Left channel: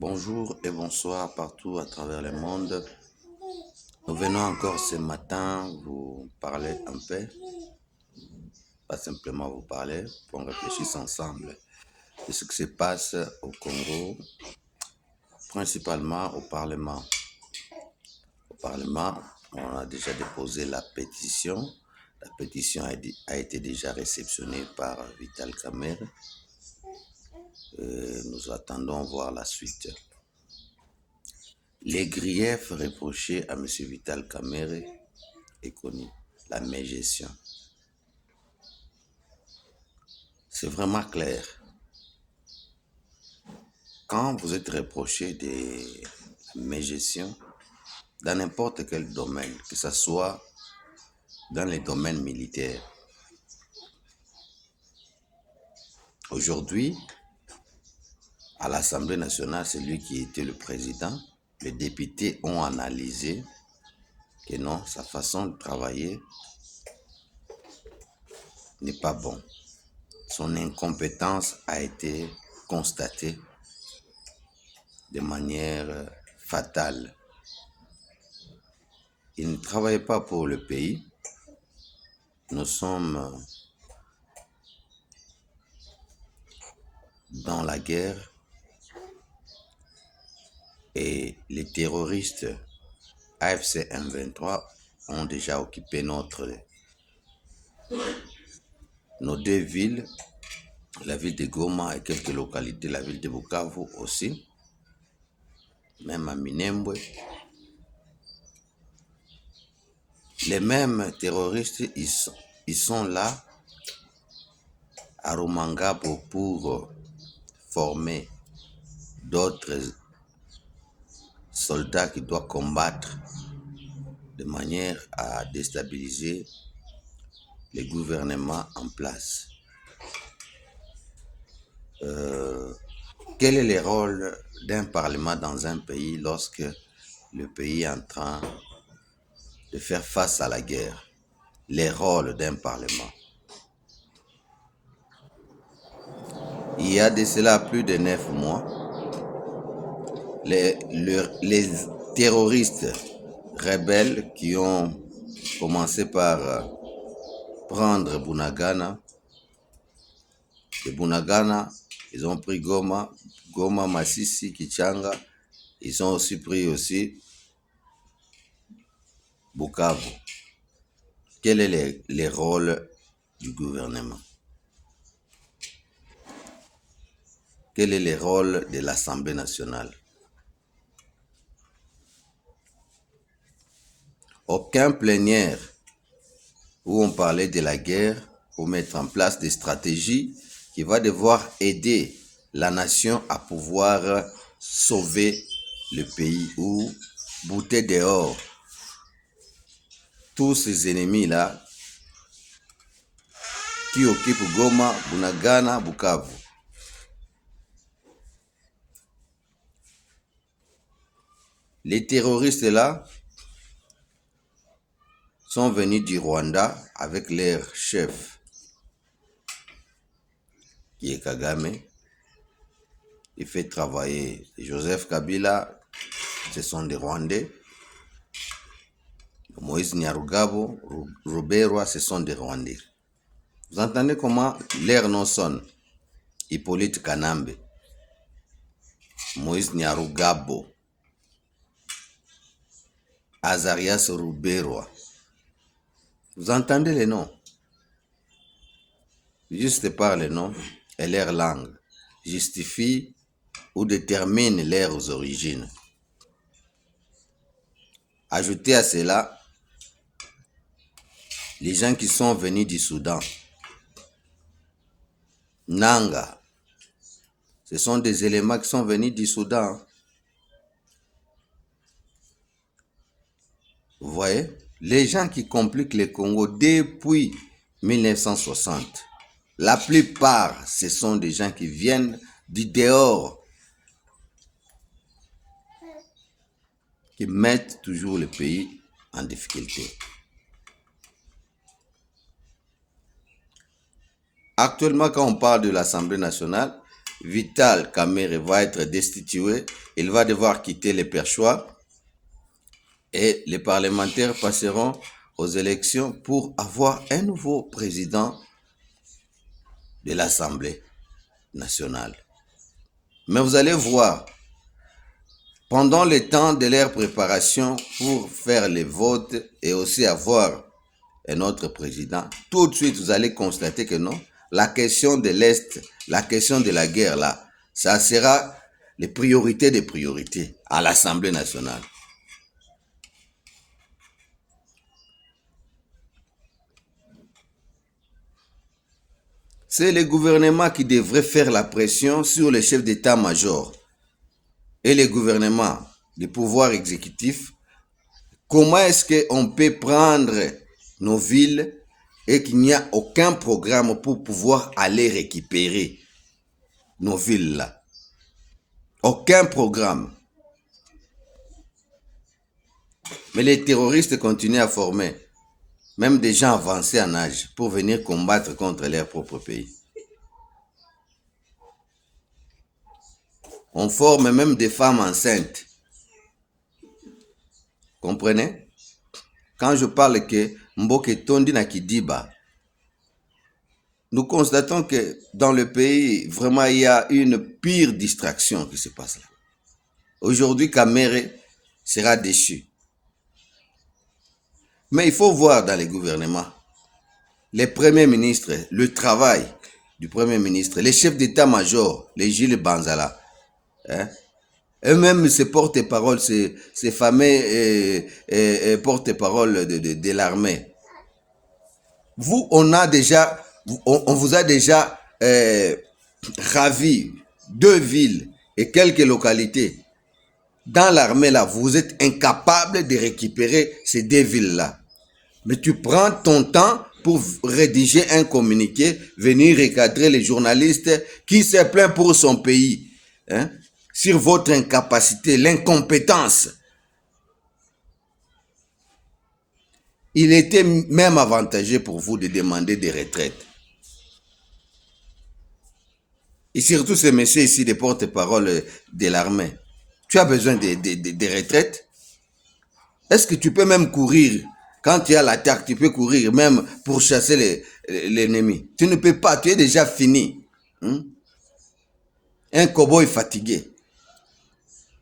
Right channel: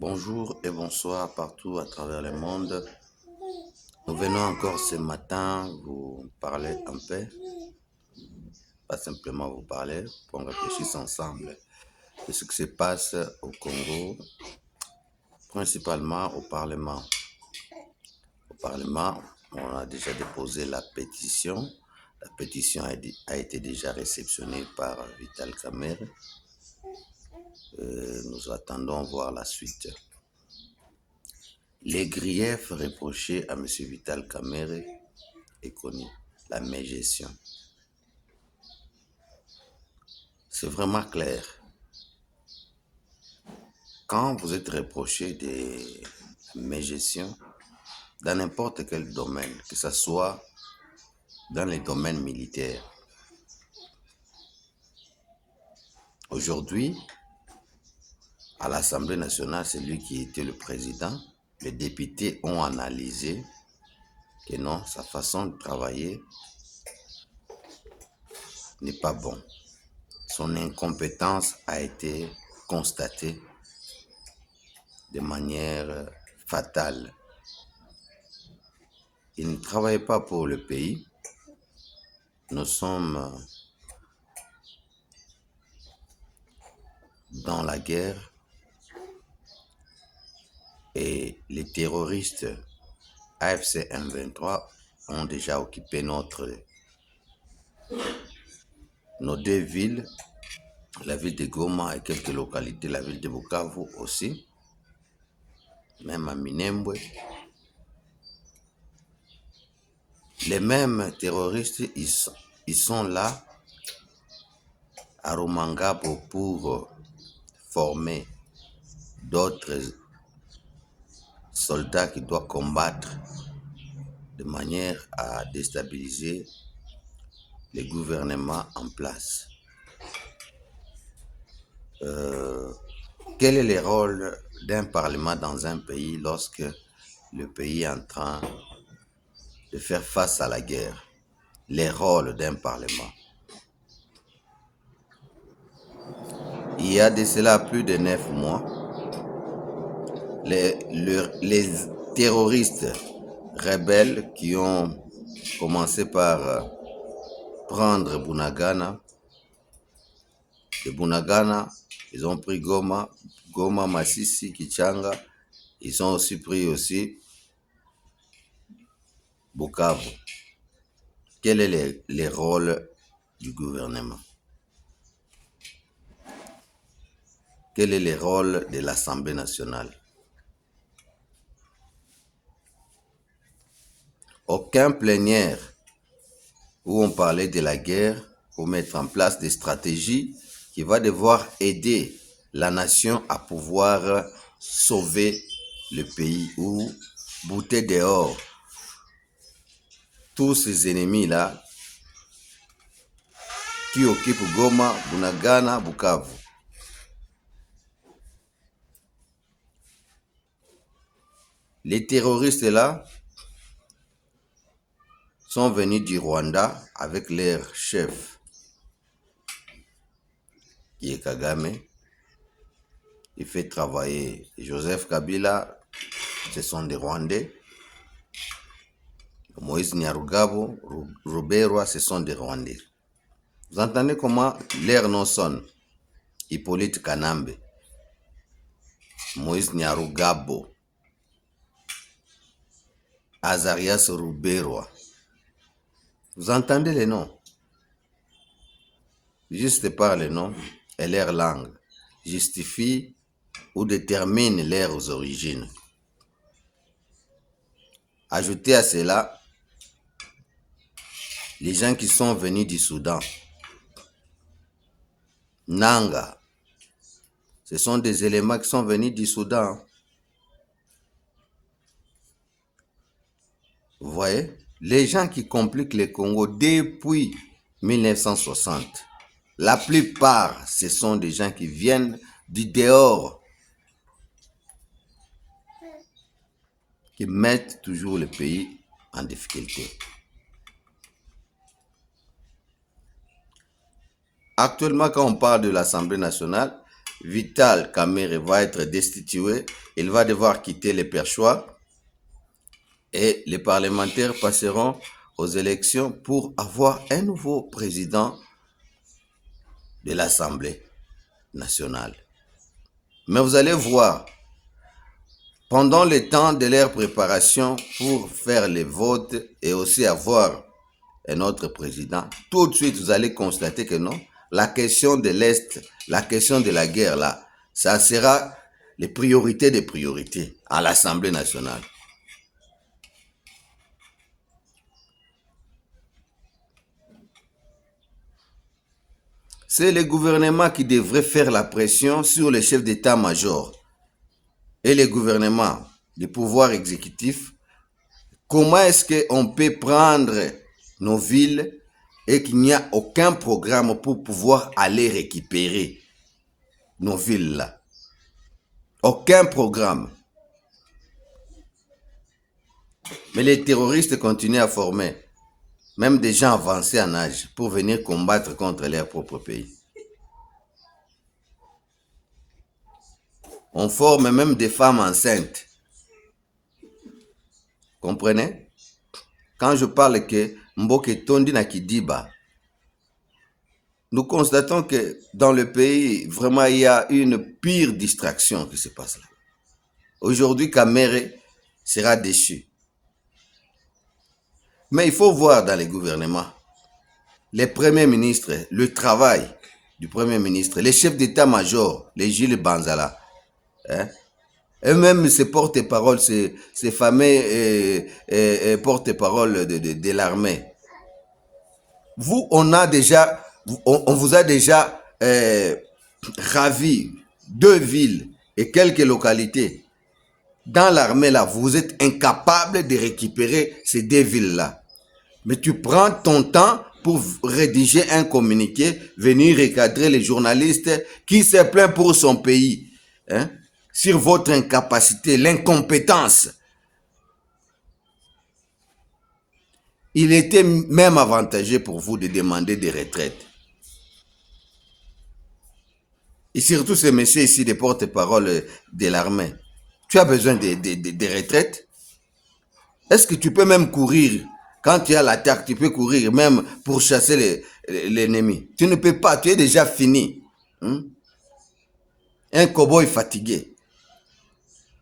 Bonjour et bonsoir partout à travers le monde. Nous venons encore ce matin vous parler un peu, pas simplement vous parler, pour qu'on réfléchisse ensemble de ce qui se passe au Congo, principalement au Parlement. Au Parlement, on a déjà déposé la pétition. La pétition a été déjà réceptionnée par Vital Kamerhe. Nous attendons voir la suite. Les griefs reprochés à M. Vital Kamerhe est connu, la mégestion. C'est vraiment clair. Quand vous êtes reproché des mégestions dans n'importe quel domaine, que ce soit dans les domaines militaires, aujourd'hui, à l'Assemblée nationale, c'est lui qui était le président, les députés ont analysé que non, sa façon de travailler n'est pas bonne. Son incompétence a été constatée de manière fatale. Il ne travaille pas pour le pays. Nous sommes dans la guerre et les terroristes AFC M23 ont déjà occupé nos deux villes, la ville de Goma et quelques localités, la ville de Bukavu aussi, même à Minembwe. Les mêmes terroristes, ils sont là à Rumangabo pour former d'autres soldats qui doivent combattre de manière à déstabiliser les gouvernements en place. Quel est le rôle d'un parlement dans un pays lorsque le pays est en train de faire face à la guerre? Les rôles d'un parlement. Il y a de cela plus de 9 mois, les terroristes rebelles qui ont commencé par prendre Bunagana. De Bunagana, ils ont pris Goma, Masisi, Kichanga. Ils ont aussi pris Bukavu. Quel est le rôle du gouvernement? Quel est le rôle de l'Assemblée nationale? Aucun plénière où on parlait de la guerre pour mettre en place des stratégies qui vont devoir aider la nation à pouvoir sauver le pays ou bouter dehors tous ces ennemis-là qui occupent Goma, Bunagana, Bukavu. Les terroristes-là sont venus du Rwanda avec leur chef, qui est Kagame. Il fait travailler Joseph Kabila, ce sont des Rwandais. Moïse Nyarugabo, Ruberwa, ce sont des Rwandais. Vous entendez comment leurs noms sonnent? Hippolyte Kanambe, Moïse Nyarugabo, Azarias Ruberwa. Vous entendez les noms? Juste par les noms et leur langue justifie ou détermine leurs origines. Ajoutez à cela les gens qui sont venus du Soudan. Nanga, ce sont des éléments qui sont venus du Soudan. Vous voyez, les gens qui compliquent le Congo depuis 1960, la plupart, ce sont des gens qui viennent du dehors, qui mettent toujours le pays en difficulté. Actuellement, quand on parle de l'Assemblée nationale, Vital Kamerhe va être destitué. Il va devoir quitter le perchoir et les parlementaires passeront aux élections pour avoir un nouveau président de l'Assemblée nationale. Mais vous allez voir, pendant le temps de leur préparation pour faire les votes et aussi avoir un autre président, tout de suite vous allez constater que non, la question de l'Est, la question de la guerre là, ça sera les priorités des priorités à l'Assemblée nationale. C'est le gouvernement qui devrait faire la pression sur les chefs d'état-major et les gouvernements du pouvoir exécutif. Comment est-ce qu'on peut prendre nos villes et qu'il n'y a aucun programme pour pouvoir aller récupérer nos villes-là? Aucun programme. Mais les terroristes continuent à former même des gens avancés en âge pour venir combattre contre leur propre pays. On forme même des femmes enceintes. Comprenez? Quand je parle que Mboke Tondi na Kidiba, nous constatons que dans le pays, vraiment, il y a une pire distraction qui se passe là. Aujourd'hui, Kamerhe sera déchu. Mais il faut voir dans les gouvernements, les premiers ministres, le travail du premier ministre, les chefs d'état-major, les Gilles Banzala, hein? Eux-mêmes, ces porte-paroles, ces fameux porte-paroles de l'armée. Vous, on vous a déjà ravi 2 villes et quelques localités. Dans l'armée, là, vous êtes incapable de récupérer ces 2 villes-là. Mais tu prends ton temps pour rédiger un communiqué, venir recadrer les journalistes qui se plaignent pour son pays, hein, sur votre incapacité, l'incompétence. Il était même avantageux pour vous de demander des retraites. Et surtout ces messieurs ici, des porte-parole de l'armée. Tu as besoin de retraites? Est-ce que tu peux même courir? Quand tu as l'attaque, tu peux courir même pour chasser l'ennemi. Tu ne peux pas, tu es déjà fini. Un cow-boy fatigué.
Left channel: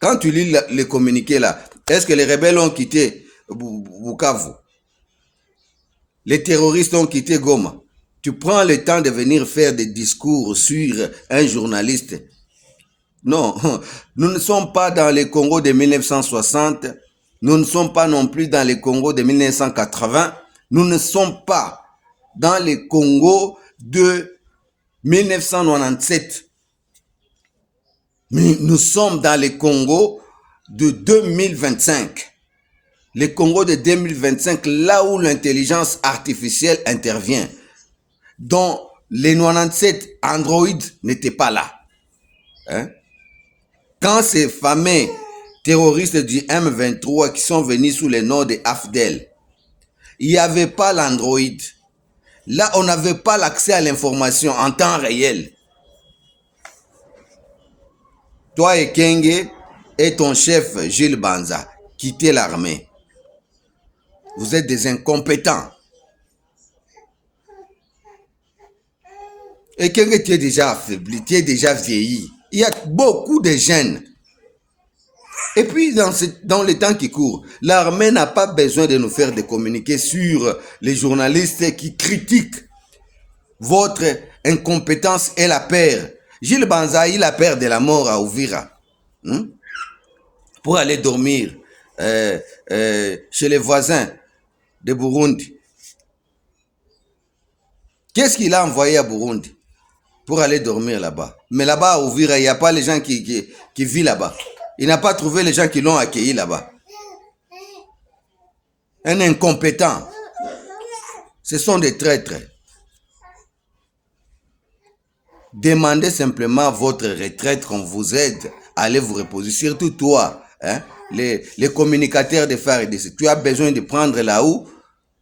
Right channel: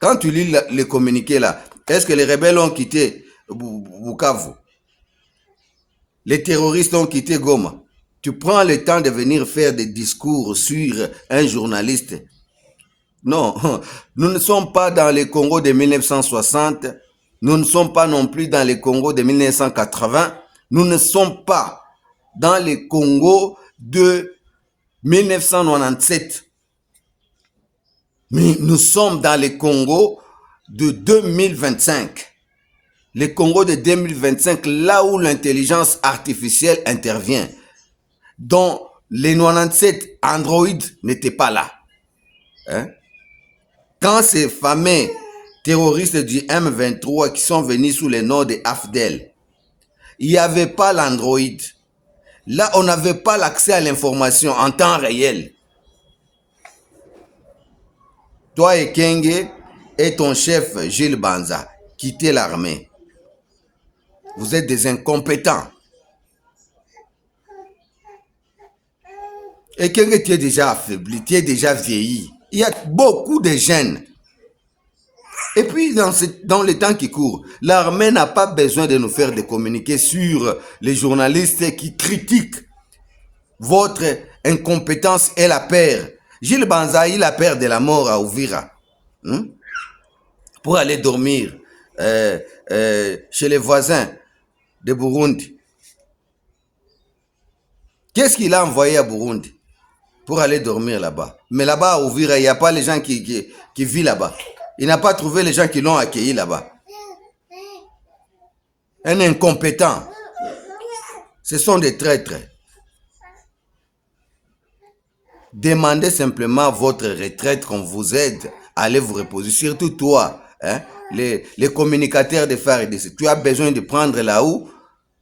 Quand tu lis les communiqués là, est-ce que les rebelles ont quitté Bukavu? Les terroristes ont quitté Goma. Tu prends le temps de venir faire des discours sur un journaliste. Non, nous ne sommes pas dans le Congo de 1960. Nous ne sommes pas non plus dans le Congo de 1980. Nous ne sommes pas dans le Congo de 1997. Nous sommes dans le Congo de 2025. Le Congo de 2025, là où l'intelligence artificielle intervient, dont les 97 Android n'étaient pas là. Hein? Quand ces fameux terroristes du M23 qui sont venus sous le nom de AFDEL, il n'y avait pas l'Android. Là, on n'avait pas l'accès à l'information en temps réel. Toi et Kenge et ton chef Gilles Banza, quittez l'armée. Vous êtes des incompétents. Et Kenge, tu es déjà affaibli, tu es déjà vieilli. Il y a beaucoup de jeunes. Et puis, dans le temps qui court, l'armée n'a pas besoin de nous faire des communiqués sur les journalistes qui critiquent votre incompétence et la peur. Gilles Banza, il a peur de la mort à Uvira. Pour aller dormir chez les voisins de Burundi. Qu'est-ce qu'il a envoyé à Burundi pour aller dormir là-bas? Mais là-bas à Uvira, il n'y a pas les gens qui vivent là-bas. Il n'a pas trouvé les gens qui l'ont accueilli là-bas. Un incompétent. Ce sont des traîtres. Demandez simplement votre retraite, qu'on vous aide à aller vous reposer. Surtout toi, hein, les communicateurs de phare et de... Tu as besoin de prendre là-haut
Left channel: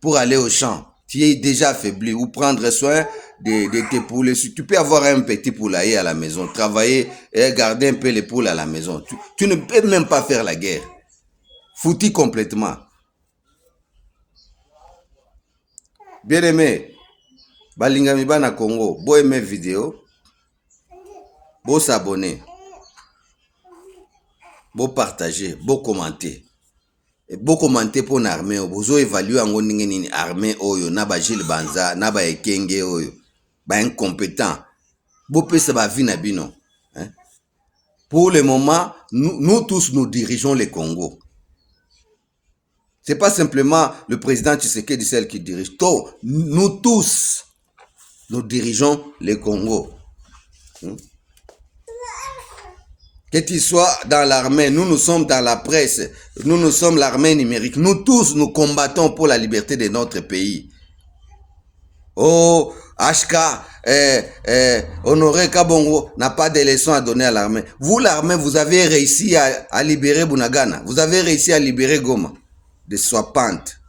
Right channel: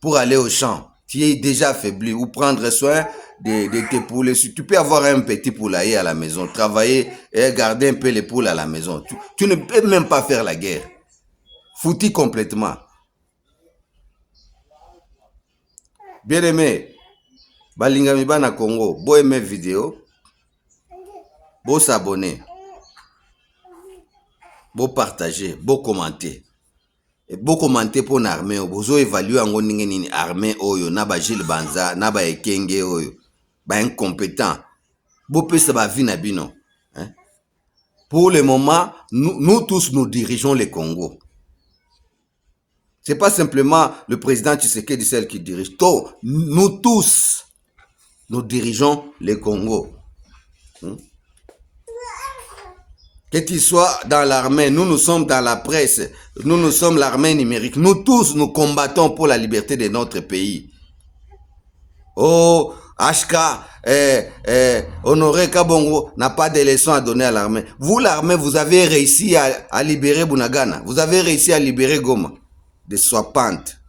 pour aller au champ. Tu es déjà affaibli. Ou prendre soin de tes poules. Tu peux avoir un petit poulailler à la maison, travailler et garder un peu les poules à la maison. Tu ne peux même pas faire la guerre. Foutu complètement. Bien aimé, balingami bana Congo, bo aimer vidéo, bo s'abonner, bo partager, bo commenter. Bo commenter pour l'armée, bozo évaluer en nini armée oyo, na ba Gilles Banza, na ba Ekenge oyo, ba incompétent. Bo pesa ba vie na bino. Hein? Pour le moment, nous tous nous dirigeons le Congo. Ce n'est pas simplement le président Tshisekedi celle qui dirige. Nous tous, nous dirigeons le Congo. Que tu sois dans l'armée, nous sommes dans la presse, nous sommes l'armée numérique. Nous tous, nous combattons pour la liberté de notre pays. Oh, HK, Honoré Kabongo n'a pas de leçons à donner à l'armée. Vous, l'armée, vous avez réussi à libérer Bunagana. Vous avez réussi à libérer Goma de Swapante.